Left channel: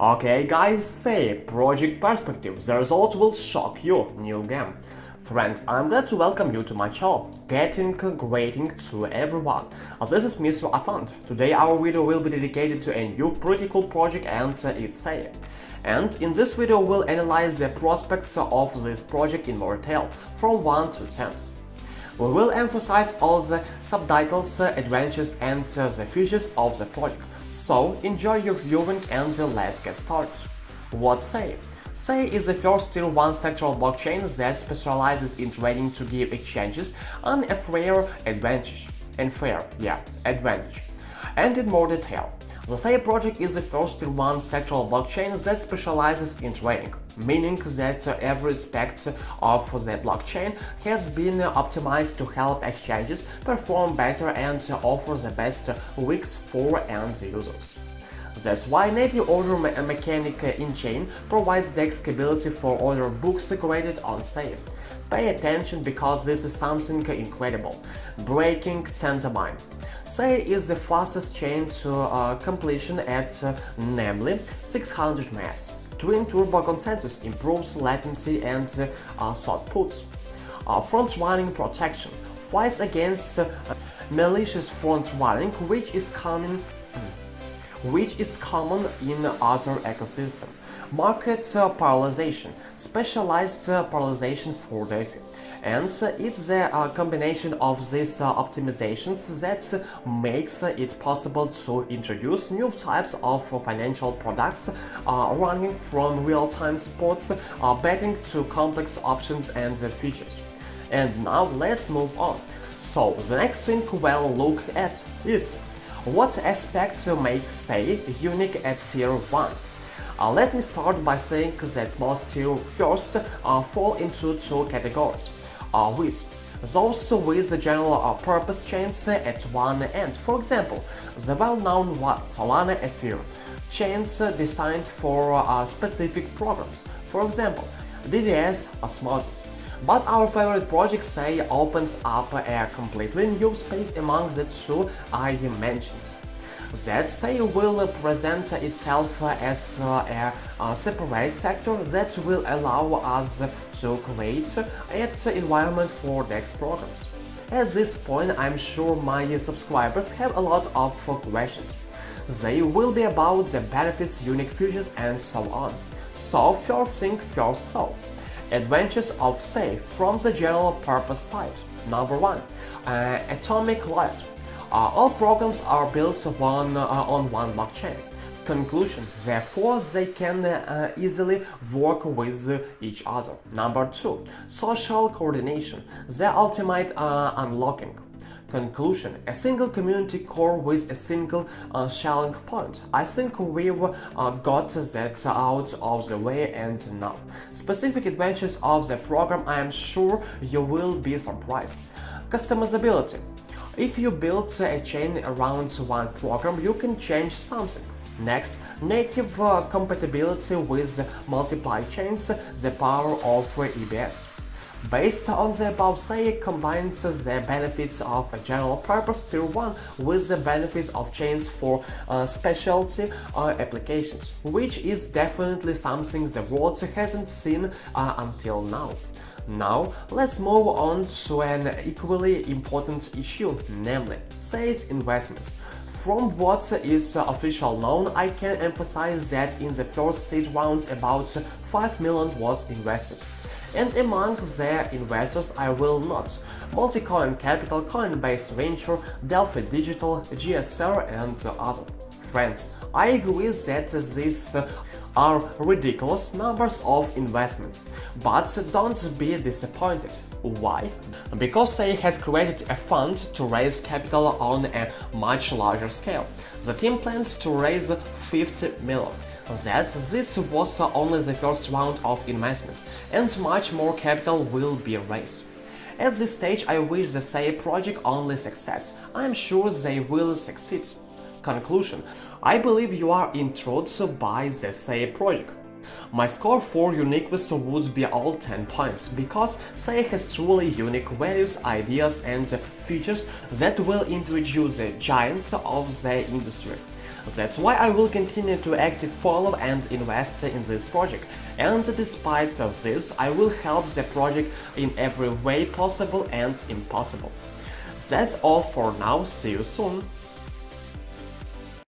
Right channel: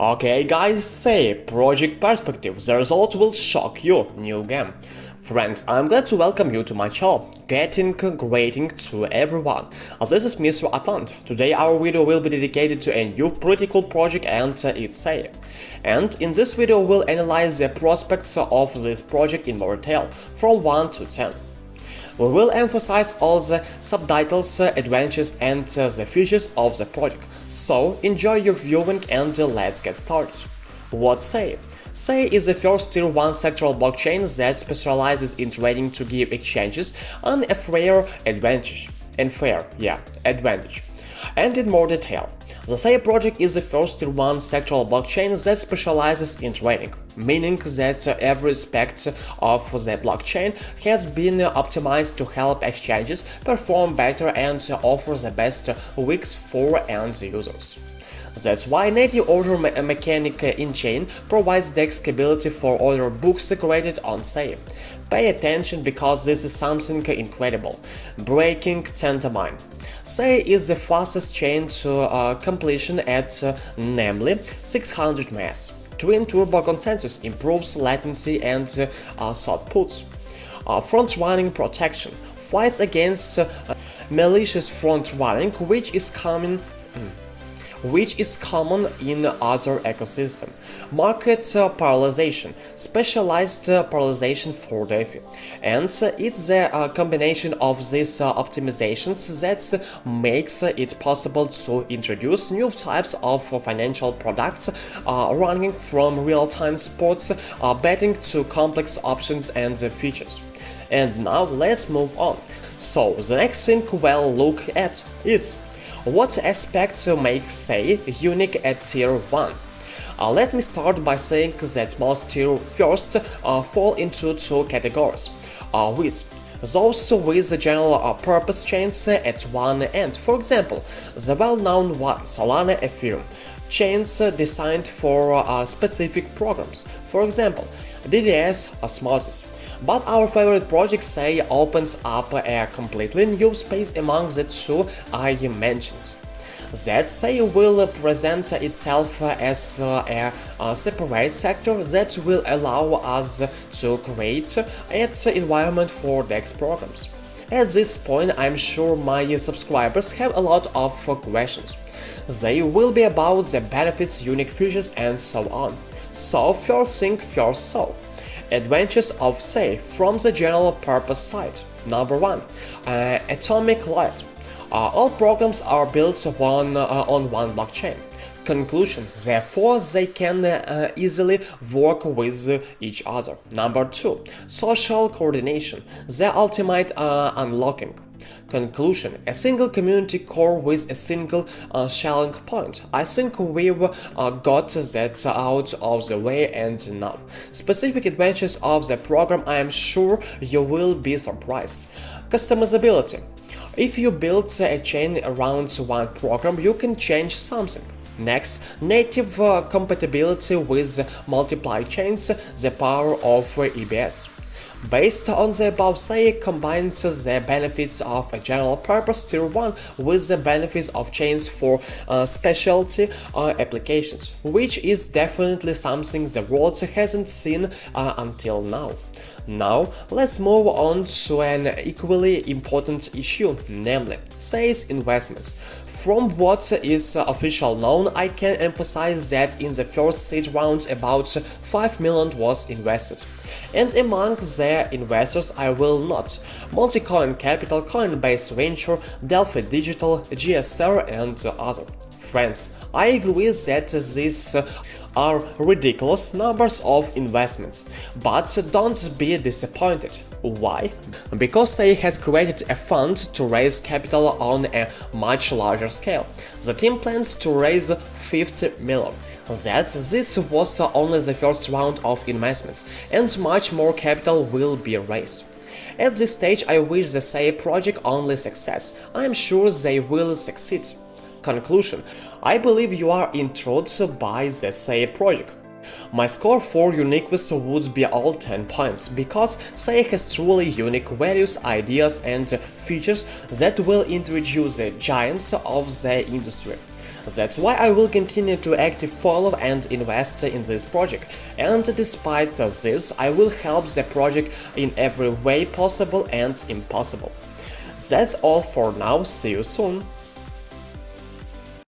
Okay guys, say project perspective, the result will shock you, new game. Friends, I'm glad to welcome you to my channel, getting grading to everyone. This is Mr.Atlant. Today our video will be dedicated to a new pretty cool project and its SEI. And in this video we'll analyze the prospects of this project in more detail, from 1 to 10. We will emphasize all the subtitles, advantages and the features of the project. So enjoy your viewing and let's get started. What's SEI? SEI is the first Tier 1 sectoral blockchain that specializes in trading to give exchanges an fair advantage. And in more detail, the SEI project is the first Tier 1 sectoral blockchain that specializes in trading, meaning that every aspect of the blockchain has been optimized to help exchanges perform better and offer the best UX for end users. That's why native order mechanic in-chain provides the scalability for order books created on SEI. Pay attention because this is something incredible. Breaking tentamine. SEI is the fastest chain to completion at namely 600 ms. Twin turbo consensus improves latency and throughput. Front-running protection fights against malicious front-running, which is common in other ecosystems. Market parallelization, specialized parallelization for DeFi. And it's the combination of these optimizations that makes it possible to introduce new types of financial products ranging from real-time sports betting to complex options and features. And now let's move on. So the next thing we'll look at is what aspects make SEI unique at Tier 1? Let me start by saying that most Tier 1s fall into two categories, with those with the general purpose chains at one end, for example, the well-known one, Solana Ethereum, chains designed for specific programs, for example, DDS Osmosis. But our favorite project SEI opens up a completely new space among the two I mentioned. That SEI will present itself as a separate sector that will allow us to create an environment for DEX programs. At this point, I'm sure my subscribers have a lot of questions. They will be about the benefits, unique features and so on. So first thing first, so advantages of SEI from the general purpose side. Number 1. Atomic layer. All programs are built on one blockchain. Conclusion, therefore they can easily work with each other. Number 2. Social coordination, the ultimate unlocking. Conclusion, a single community core with a single shelling point. I think we've got that out of the way, and now specific advantages of the program. I am sure you will be surprised. Customizability. If you build a chain around one program, you can change something. Next, native compatibility with multiple chains, the power of EBS. Based on the above, SEI combines the benefits of a general purpose Tier 1 with the benefits of chains for specialty applications, which is definitely something the world hasn't seen until now. Now, let's move on to an equally important issue, namely SEI's investments. From what is officially known, I can emphasize that in the first seed round about 5 million was invested. And among the investors I will note Multicoin Capital, Coinbase Venture, Delphi Digital, GSR and others. Friends, I agree that these are ridiculous numbers of investments, but don't be disappointed. Why? Because SEI has created a fund to raise capital on a much larger scale. The team plans to raise 50 million. This was only the first round of investments, and much more capital will be raised. At this stage, I wish the SEI project only success. I am sure they will succeed. Conclusion. I believe you are intrigued by the SEI project. My score for uniqueness would be all 10 points, because SEI has truly unique values, ideas and features that will introduce the giants of the industry. That's why I will continue to actively follow and invest in this project, and despite this, I will help the project in every way possible and impossible. That's all for now, see you soon!